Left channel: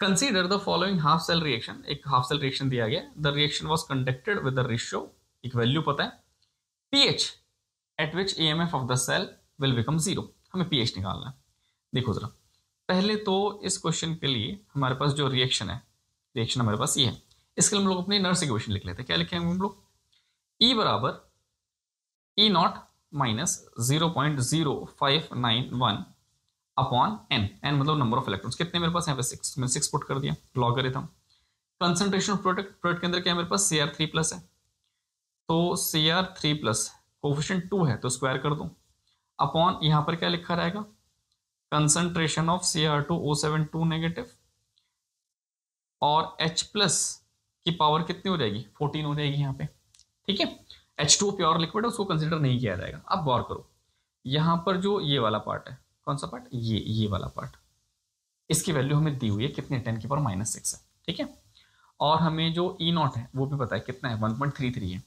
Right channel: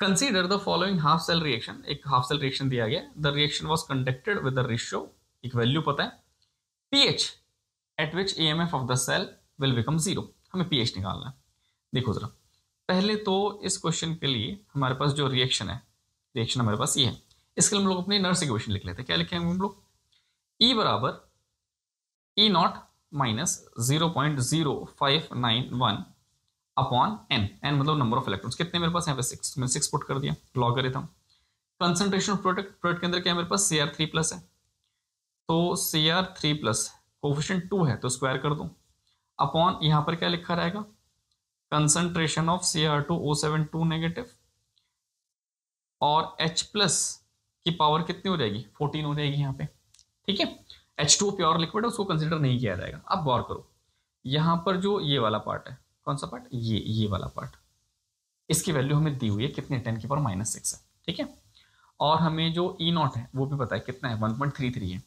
Consider the following half cell reaction, एक half cell reaction दिया गया, the reaction was conducted with the ratio, एक value पता है, pH at which EMF of the cell will become zero, हमें pH निकालना है। देखो जरा, पहले तो इस क्वेश्चन के लिए हमारे पास जो रिएक्शन है, रिएक्शन हमारे पास ये है, इसके लिए हम लोग अपनी नर्स इक्वेशन लिख लेते हैं। क्या लिखेंगे हम लोग, ई बराबर E not minus 0.0591 upon N, N मतलब नंबर ऑफ इलेक्ट्रॉन्स, कितने मेरे पास यहाँ पे 6, मैं 6 पुट कर दिया, logarithm. Concentration of product, product के अंदर क्या है मेरे पास, Cr3 प्लस है, तो Cr3 प्लस कोफिशिएंट 2 है तो स्क्वायर कर दूं, अपॉन यहाँ पर क्या लिखा रहेगा, कंसंट्रेशन ऑफ Cr2O72 नेगेटिव, और H प्लस की पावर कितनी हो जाएगी, 14 हो जाएगी यहाँ पे, ठीक है। H2 प्योर लिक्विड है, उसको कंसिडर नहीं किया जाएगा। अब गौर करो, यहाँ पर जो ये वाला पार्ट है, कौन सा पार्ट, ये वाला पार्ट, इसकी वैल्यू हमें दी हुई है कितने, 10 की पावर -6 है, ठीक है। और हमें जो ई नॉट है वो भी पता है कितना है, 1.33 है,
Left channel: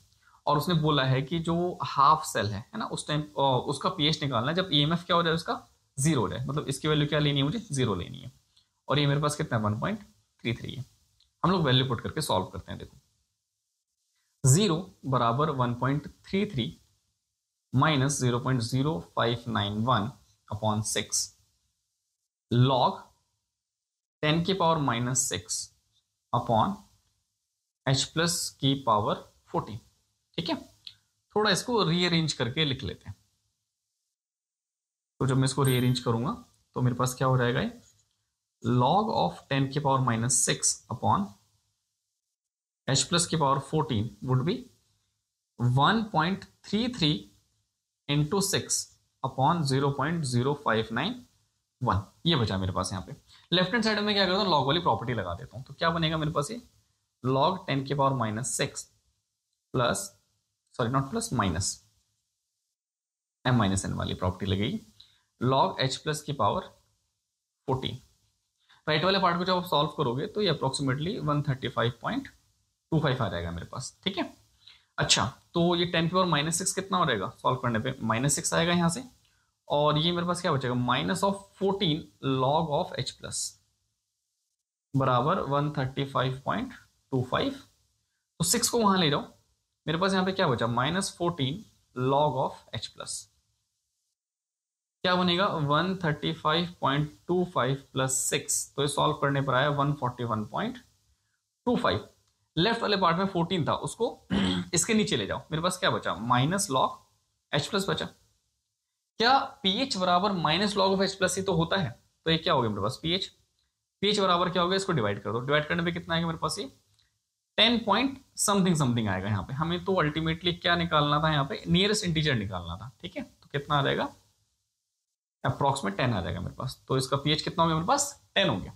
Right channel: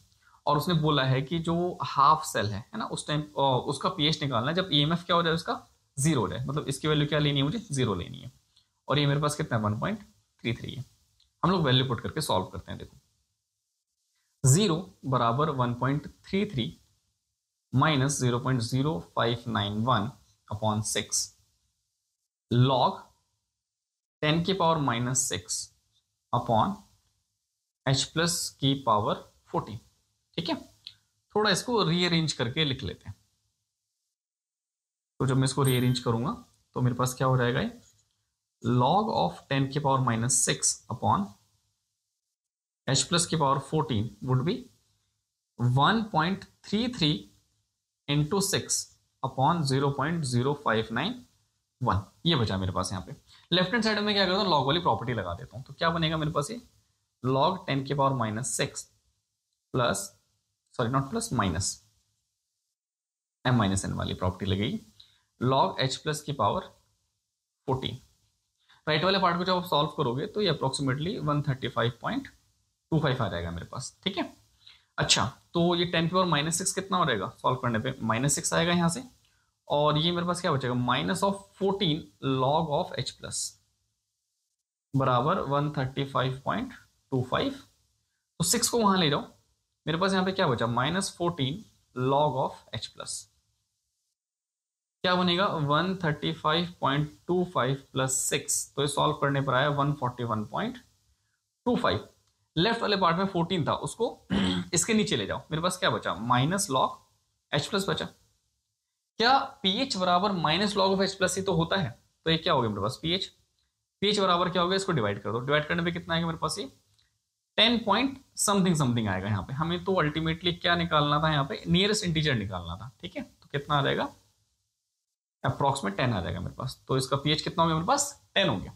और उसने बोला है कि जो हाफ सेल है ना, उस टाइम उसका पीएच निकालना है जब ईएमएफ क्या हो जाए, उसका जीरो हो जाए, मतलब इसकी वैल्यू क्या लेनी है मुझे, जीरो लेनी है, और ये मेरे पास कितना है, 1.33 है। हम लोग वैल्यू पुट करके सॉल्व करते हैं। देखो, 0 बराबर 1.33 माइनस 0.0591 अपॉन 6 लॉग 10 की पावर -6 अपॉन H प्लस की पावर 14, ठीक है। थोड़ा इसको रीअरेंज करके लिख लेते हैं, तो जब मैं इसको रीअरेंज करूंगा तो मेरे पास क्या हो जाएगा, लॉग ऑफ 10 की पावर -6 अपॉन H प्लस की power 14 would be 1.33 into 6 upon 0.0591, ये बचा मेरे पास। यहाँ पे लेफ्ट हैंड साइड में क्या करता हूँ, लॉग वाली प्रॉपर्टी लगा देता हूँ, तो क्या बनेगा मेरे पास, ये लॉग 10 की power -6 plus, sorry not plus, minus m-n वाली प्रॉपर्टी लगेगी, लॉग H प्लस की पावर 14। राइट वाले पार्ट को जब आप सॉल्व करोगे तो ये अप्रोक्सीमेटली 135.25 आ जाएगा मेरे पास, ठीक है। अच्छा, तो ये 10 की पावर -6 कितना हो जाएगा, सॉल्व करने पे -6 आएगा यहाँ से, और ये मेरे पास क्या बचेगा, -14 लॉग ऑफ H प्लस बराबर 135.25, तो 6 को वहां ले जाओ, मेरे पास यहाँ पे क्या बचा, -14 लॉग ऑफ H प्लस, क्या बनेगा 135.25 प्लस 6, तो ये सॉल्व करने पर आया 141.25। लेफ्ट वाले पार्ट में 14 था, उसको इसके नीचे ले जाओ, मेरे पास क्या बचा, माइनस लॉग H प्लस बचा। क्या पीएच बराबर minus log of H plus ही तो होता है, तो ये क्या हो गया मेरे पास, पीएच, पीएच बराबर क्या हो गया, इसको डिवाइड कर दो, डिवाइड करने पे कितना आएगा मेरे पास, ये 10 पॉइंट समथिंग समथिंग आएगा। यहाँ पे हमें तो अल्टीमेटली क्या निकालना था, यहाँ पे नियरेस्ट इंटीजर निकालना था, ठीक है। तो कितना आ जाएगा, अप्रोक्सीमेट 10 आ जाएगा मेरे पास, तो इसका पीएच कितना हो गया मेरे पास, 10 हो गया।